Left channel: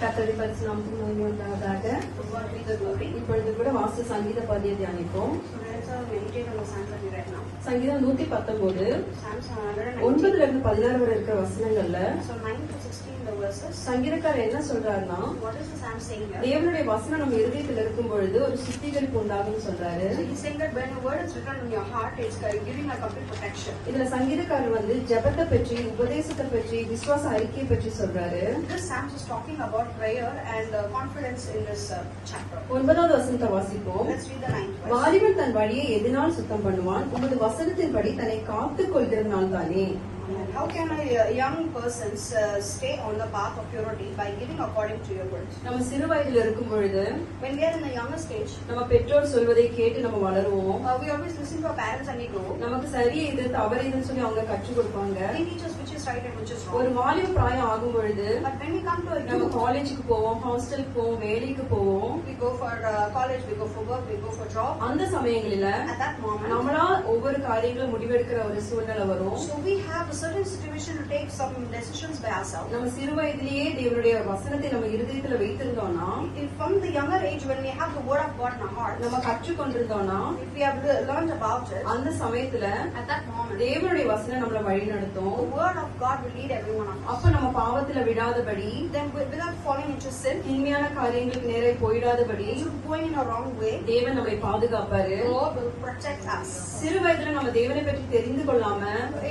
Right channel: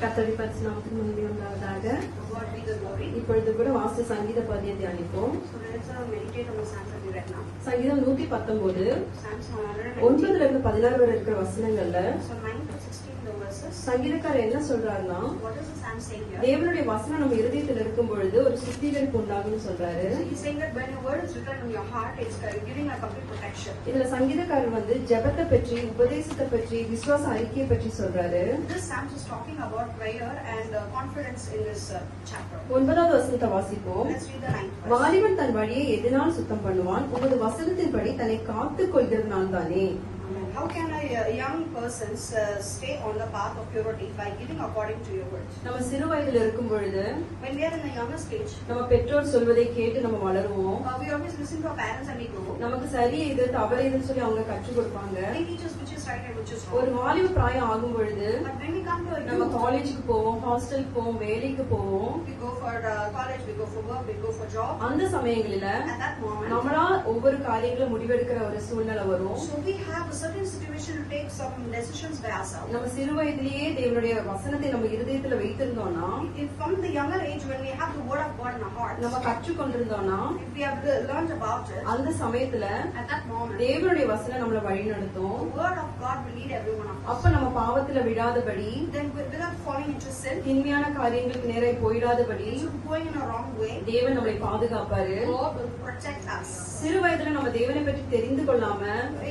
கர்த்தருடைய பரிசுத்த நாமத்துக்கு மகிமை உண்டாவதாக. இப்பொழுது கூட வாசித்த சங்கீத பகுதியை தியானிப்போம். சங்கீதம் 119 9 இருந்து 16 வரை இருக்கிற வசனங்கள்ல சங்கீதக்காரர் என்ன சொல்றாருன்னா, தேவனுடைய வசனம் நம்ம இருதயத்தில் இருக்கும் பொழுது ஒரு சுத்திகரிப்பு உண்டாகும் சொல்றாரு. இதுல சங்கீதக்காரர் வந்து ஜெபத்தை பற்றி, உபதேசத்தை பற்றி, விசுவாச அறிக்கையை பற்றி சொல்றாரு. 9வது வசனத்தை வாசிப்போம். வாலிபன் தன் வழியை எதனால் சுத்தம் பண்ணுவான்? உமது வசனத்தின்படி தன்னை காத்துக் கொள்கிறதுனால் தானே. How can a young person stay on the path of purity by living according to your words? நம்ம சிறு வயதில் இருக்கும் பொழுது, when we are in the younger stage, நம்ம பெற்றோர் சொல்வதை கேட்டு நம்ம வளருவோம். we always listen to our parents and we grow. நமக்கு சரி இது தவறு இதுன்னு சொல்லி அவங்க கற்றுக் கொடுப்பாங்க. They teach us which is right and which is wrong. ஒரு வாலிப பிராயம் ஆகும் பொழுது, but when we come to a நம்ம காலேஜுக்கு போவோம், ஹாஸ்டலுக்கு போவோம், வேலைக்கு போவோம். we go for college, we go for work, we go for job. அந்த சமயங்களில at that moment நம்மளால ஒவ்வொரு காரியங்களும் முடிவெடுக்கிற ஒரு சூழ்நிலை வரும். so we have a certain situation to take some decisions by ourselves. நம்ம சிறு வயதிலேயே தேவனுடைய வசனத்தை நம்ம இருதயத்துல வைத்திருந்தோம்னா, from the younger age when we have the word of God in our heart, நம்ம கற்றுக்கொண்டிருந்தோம்னா, if we have learned about it, அந்த சமயத்துல at that moment தேவனுடைய வசனம் நம்மளை வழிநடத்தும். the word of God will lead everyone of us. அப்ப நம்ம பாவத்துல விடாதபடி, then without falling into sin, தீமையான காரியங்களுக்கு நேரே போயிடாதபடி, going in a wrong way, தேவன் நம்மை பாதுகாப்பாரு. God will protect us. சிறு வயதுல நம்ம தேவனை பற்றி தெரிந்து கொள்ளாம,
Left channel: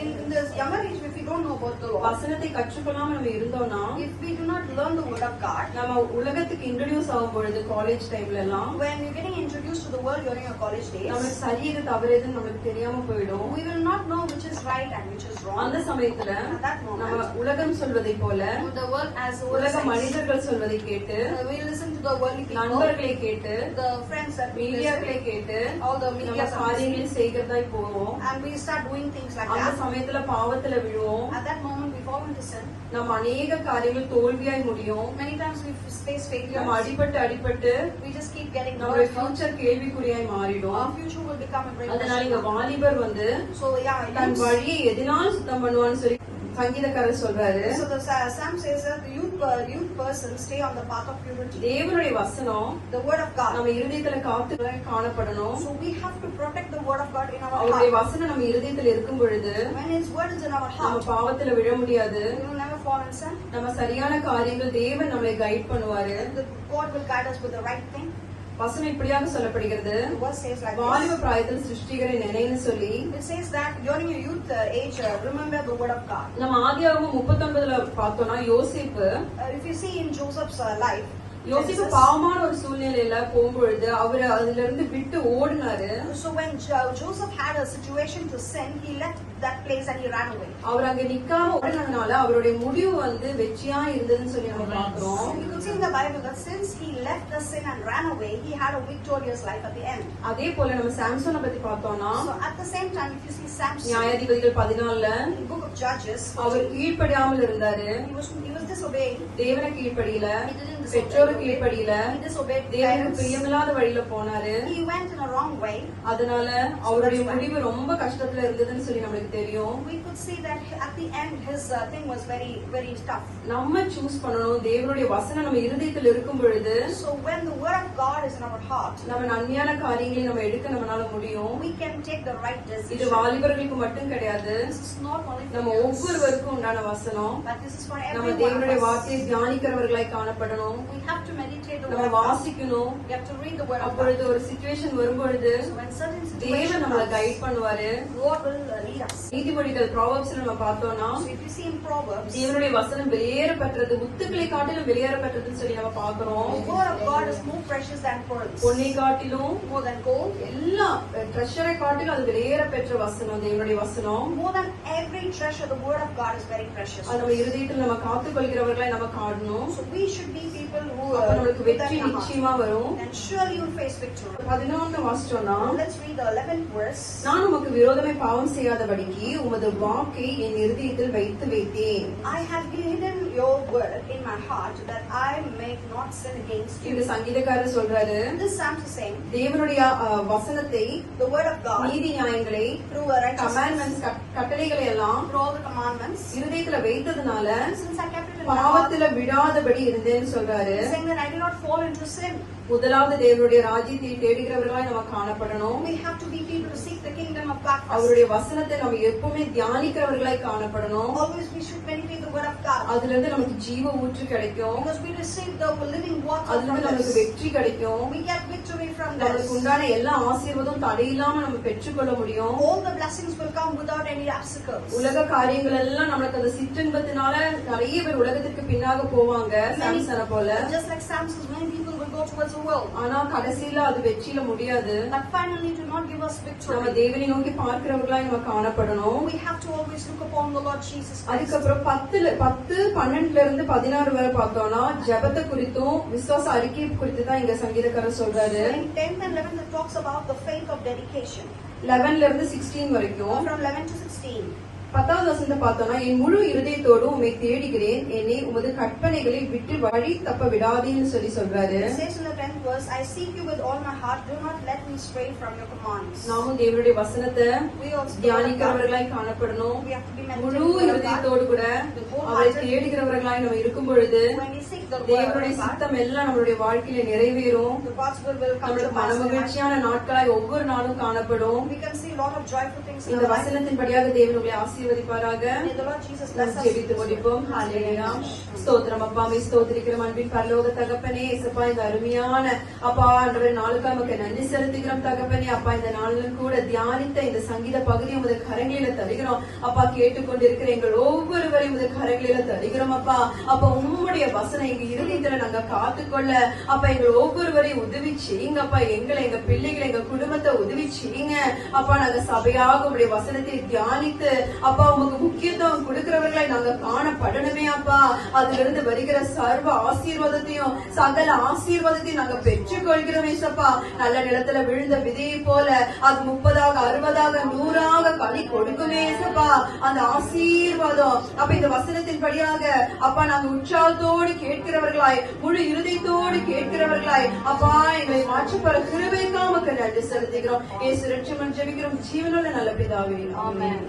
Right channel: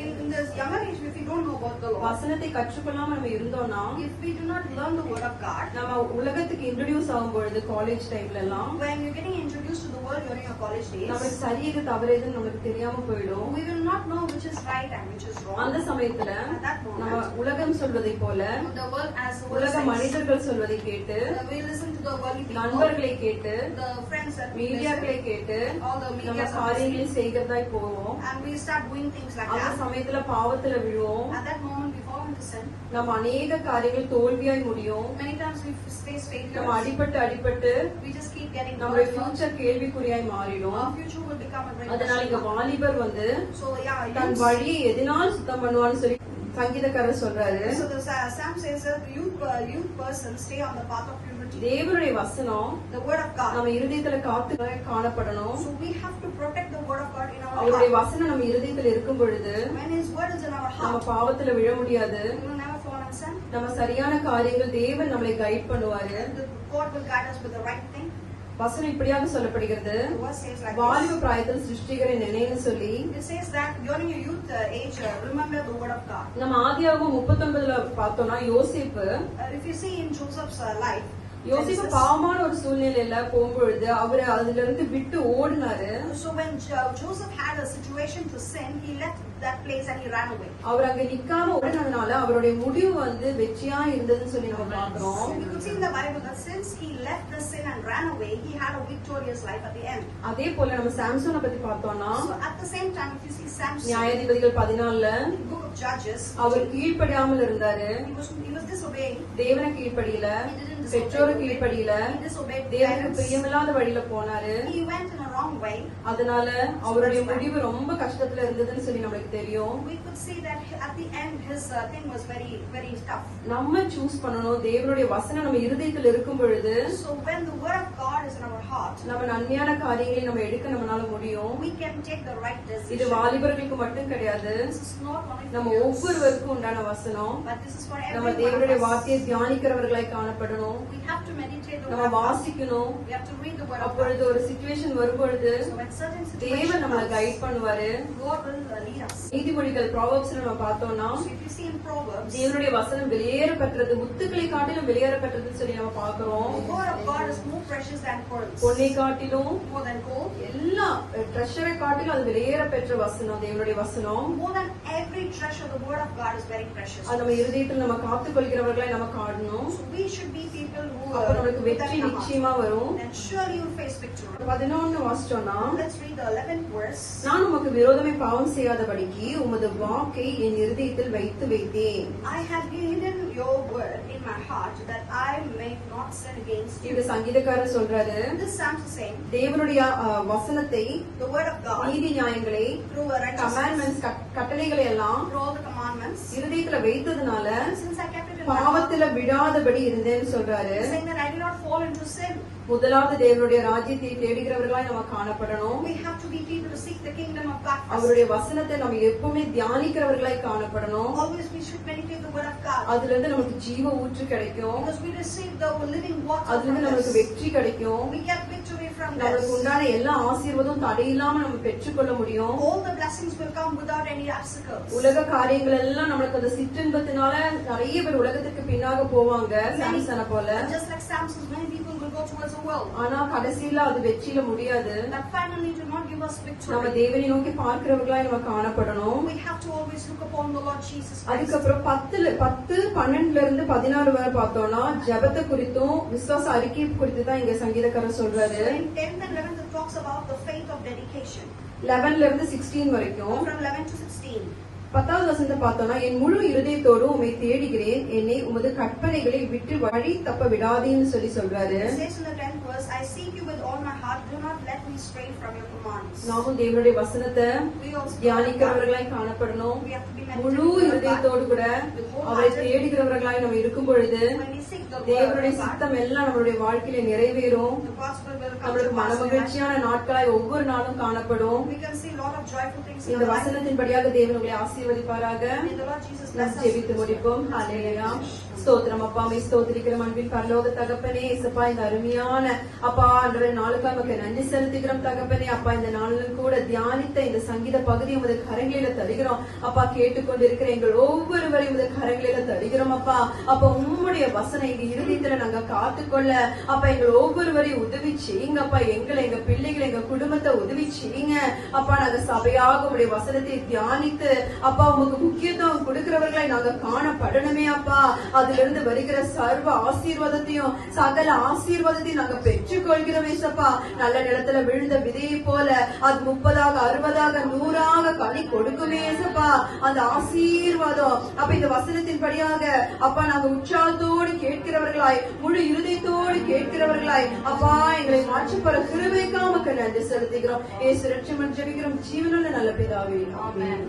in the younger age if we don't know about the Lord, வசனத்தை கற்றுக்கொள்ளாம நம்ம இருந்தோம்னா, if we do not learn the word of God, நம்ம உலகத்துக்கு இன்ட்ரோடியூஸ் ஆகும் பொழுது காலேஜ் டைம்ல எல்லாம், when you're getting introduced to the world during your college days, நமக்கு சரி இது தவறு எதுன்னு நமக்கு தெரியாம போயிடும். we will not know which is right and which is wrong. அந்த சமயத்துல at that moment, நம்ம உலகம் சொல்வதை போல, the world as the உலக மனிதர்கள் சொல்வதை கேட்டு, we listen to the worldly people, நண்பர்களை கேட்டு, the friends that we மீடியாக்களை கேட்டு, all the நம்ம media காரியங்களை செய்கிறதாய் போவோம். and we start doing things like அந்த that. சமயத்துல பாவத்துல விழுவோம். at that moment we fall into sin. நம்ம அநேக காரியங்கள் தோல்வியாய் முடியும். many times we face failure. நம்ம அடிபட்டு we just keep getting நம்மளுடைய ஃபியூச்சர் கேள்விக்குறியாய் மாறிடும். our future will become a great அதனால இங்க வாலிபர் வந்து so yeah தன் வழியை எதனால் சுத்தம் பண்ணுவான்னு சொல்லி சங்கீதக்காரர் சொல்றாரு. so the Psalm says that the youth person stay on the path of purity. தேவனுடைய வசனம் the word of God நம்ம இருதயத்துல காத்து காணப்படணும். so we have to protect the word of God in our அவருடைய heart. வசனம் நம்ம இருதயத்துல இருக்கும் பொழுது, when his word is in our நம்ம heart, பாவத்துல விழ முடியாது. we will never fall in sin. நம்ம சரியான காரியங்கள் தேவன் நம்மளை கைட் பண்ணுவாரு. God will guide us with the right thing. வசனம் இப்படியாக சொல்லப்படுகிறது. the word says like வாலிப பிராயத்தில் சிருஷ்டிகரை நினைன்னு சொல்லி, it says that during your youth age remember the word of God. நம்ம ஆதியாகமம் 39ல பார்த்தோம்னா, யோசேப்பு if you see in Joseph's life, யோசிப்பு பாவமான ஒரு சூழ்நிலையில போகும்பொழுது அவரு அதுல இருந்து விட்டு ஓடினாரு. so when Joseph had a situation to sin, he left that place and he ran away. அவர் அங்க நிக்காம ஓடினதுனால அவருடைய முடிவு வந்து வெற்றியா இருந்ததுன்னு சொல்லி நம்ம பார்க்கிறோம். you could see in the Bible that since he left the sin and ran away, he had a victorious life at the end. அதே போல நம்ம சாம்சனை பத்தி பார்த்தோம்னா, so at the same time if you see Samson, நியாயாதிபதிகள் 14ல in the book of Judges, அவர் கீழ்ப்படியாமல் இருந்தாரு. he was disobeyed. தேவனை கீழ்ப்படியில, பெற்றோரை கீழ்ப்படியில, தேவனுக்கு பிரியமில்லாத வழியில போனாரு. he went in a wrong way. அதனால அவருடைய முடிவு ரொம்ப கஷ்டத்துல இருந்ததுன்னு சொல்லி நமக்கு தெரியும். we could see that at the end his thing was very very tough. நம்ம சூஸ் பண்ணணும். தேவனுடைய வசனம் நம்ம இருதயத்தில் இருக்கும் பொழுது, so when the word of God is in our heart, நம்ம நன்மையான காரியங்களை நம்ம எடுக்க நம்மளால முடியும். we can take the right decision. இது வாலிபர்களுக்கு மட்டும் கிடையாது, this is not only நம்ம ஒவ்வொருவருக்கும் உண்டான வசனம். but this is for நம்ம everyone. தேவனுடைய வார்த்தையை தியானிக்கிறவர்களாய் காணப்படணும். we have to meditate the நம்ம word of God. வாசிக்கணும். we have to read the word of God. அப்பொழுது ஒரு சிச்சுவேஷன் வரும்பொழுது so when certain தேவன் situation நம்மளை comes, கைட் பண்ணுவாரு. God will lead us. நீதிமொழிகள் ப்ராவர்ப்ஸ்ல நம்ம பார்த்தோம்னா, so if you see in Proverbs, தேவனுடைய வசனம் வெளியேற பெற்றது, முத்துக்களை காட்டிலும் வெளியேற பெற்றதுன்னு சொல்லி நம்ம பார்க்கிறோம். the word of God is more precious than pearls, பொன்னை காட்டிலும், more than gold, எல்லாம் ட்ரெஷரை காட்டிலும் அது வெளியேற பெற்ற வசனம் தேவனுடைய வசனம். more than every treasure. The word of God is very precious. அது நம்ம இருதயத்தில் நம்ம காத்துக் கொள்கிறவர்களை நம்ம காணணும். so we should be people who நமக்கு வெற்றி நிச்சயமா வரும். and surely you face victory. 11 வாசிச்சோம்னா, let's read the 11th verse. நான் உமக்கு விரோதமாய் பாவம் செய்யாதபடிக்கு உமது வாக்கை என் இருதயத்தில் வைத்து வைத்தேன். I have hidden your word in my heart that I may not sin against you. இந்த சங்கீதக்காரர் சொல்றாரு, This psalm is saying, தேவனுடைய வசனத்தை, the word of God, நீதி நியாயங்களை, through a righteousness, கமாண்ட்மெண்ட்ஸ் கட்டளைகளை எல்லாம் through all the commandments, இருதயத்துல வைத்ததுனால since I kept it in my heart, பாவத்துல விடாதபடி இருந்தேன்னு சொல்றாரு. saying that I did not fall into sin. முதலாவது தேவனுடைய ராஜ்யத்தை தேடுகிறவர்களாய் நம்ம காணப்படணும். We have to be people to seek the kingdom of God first. அவருடைய வசனத்தை நம்ம எப்பவுமே தியானிக்கிறவர்களாய் காணப்படணும். Always we should meditate the word of God. அதுல இருந்து நமக்கு ஜீவ ஊற்று கிடைக்கும். Because we receive the living water அதுல from இருந்து நமக்கு this. வெற்றி கிடைக்கும். We get victory from நமக்கு this. உண்டான எல்லா ஆசீர்வாதமும் தடையில்லாம நம்ம பெற்றுக்கொள்ள முடியும். All the blessings will come without any obstacles. உலக காரியங்கள் எல்லாம் நம்மளுக்கு அந்த சிற்றின்பத்தினால நிறைய பேர் உலகத்துக்கு பின்னாக போவாங்க, சாம்சனை போல. Just like Samson, many people will go towards the world. ஆனா கடைசியில அது வெற்றியில முடியாது. But finally do not give us நம்ம victory. தேவனை நோக்கி பார்க்கிறவர்களாய் நம்ம காணப்படணும். We have to always look upon the Lord Jesus Christ. அதுக்கப்புறம் 10:12 இருந்து 16 வரை பார்த்தோம்னா ஜெபத்தை குறித்தும் விசுவாச அறிக்கை குறித்து தான் இங்க சங்கீதக்காரர் சொல்றாரு. In 10th and 11th it talks about the faith of dedication. 11ல இருந்து 16 வரைக்கும். From 11 to 16. 10வது வசனத்தை பார்த்தோம்னா, என் முழு இருதயத்தோடு உம்மை தேடுகிறேன், என்னை உமது கற்பனைகளை விட்டு வழி தப்ப விடாதேன்னு சொல்றாரு. It says in the 10th verse, I seek you with all my heart, do not let me stray from your commands. நாமும் தேவனுடைய வசனத்தை We also தியானிக்கிறவர்களாய் காணப்படணும். we have to be முழு இருதயத்தோடு கூட அவரை தேடுகிறவர்களாய் நம்ம இருக்கும் பொழுது when we seek the word தேவனுடைய of God, சித்தம் எல்லாம் நம்மளுடைய வாழ்க்கையில நிறைவேறும். the God's will come நம்மளுடைய to pass. மனமகிழ்ச்சியான நாட்களாய் ஒவ்வொரு நாளும் காணப்படும். We can see a lot of joyful things in இந்த our life. வசனத்தின்படியாக தேவன் உங்களை ஆசீர்வதிப்பாராக. May the Lord Jesus bless us. ஜெபித்து முடிப்போம். ஹல்லேலூயா. ஸ்தோத்திரம் அப்பா, மே ஸ்தோத்திரிக்கிறோம் அன்பின் பரலோக தகப்பனே. இயேசுப்பா, இந்த அருமையான அப்பா ஆண்டவரே நாளுக்கு நமக்கு நன்றி செலுத்துகிறோம் தகப்பனே. அப்பா, இந்த நாளிலும் கூட தியானித்த இந்த சங்கீத பகுதி உமது கரங்களில தருகிறோம் அப்பா. கேட்டுக்கொண்டிருக்கிற எங்கள் ஒவ்வொருவரையும் உமது கரங்களில தருகிறோம் அப்பா. அப்ப உம்முடைய வசனம் எங்க இருதயத்துல நாங்க காத்துக்கொள்ள அப்ப எங்கள் ஒவ்வொருவரையும் உதவி செய்யுங்க அப்பா. எங்களை, எங்க பிள்ளைகளை, எங்க குடும்பத்தை உதவி செய்யுங்க அப்பா. நாங்க சபையாக உங்களுடைய வசனத்தை தியானித்து அப்பா உமக்கு முக்கியத்துவம் கொடுக்கிறவர்களை நாங்க காணப்படணுமே அப்பா. அதுல இருந்து வருகிற சர்வ ஆசீர்வாதத்தையும் சகல ஆசீர்வாதத்தையும் நாங்க பெற்றுக்கொள்கிறோம் ஏசப்பா. நல்ல நிலத்துல விழுந்த விதையை போல அது 30ஆக 60ஆக 100ஆக கனி கொடுக்குமே ஏசப்பா. அந்த ஆசீர்வாதம் அப்ப இந்த வசனத்தின்படியாக அப்பா நாங்க உற்சாகத்தோடு கேட்கிறவர்களாய், முழு இருதயத்தோடு கேட்கிறவர்களாய் அப்பா எங்களை மாற்றப்பட கிருபைக்காக நன்றி செலுத்துகிறோம். இயேசு ரட்சகன் ஜெபிக்கிறோம் ஜீவனுள்ள நல்ல பிதாவே, ஆமென்.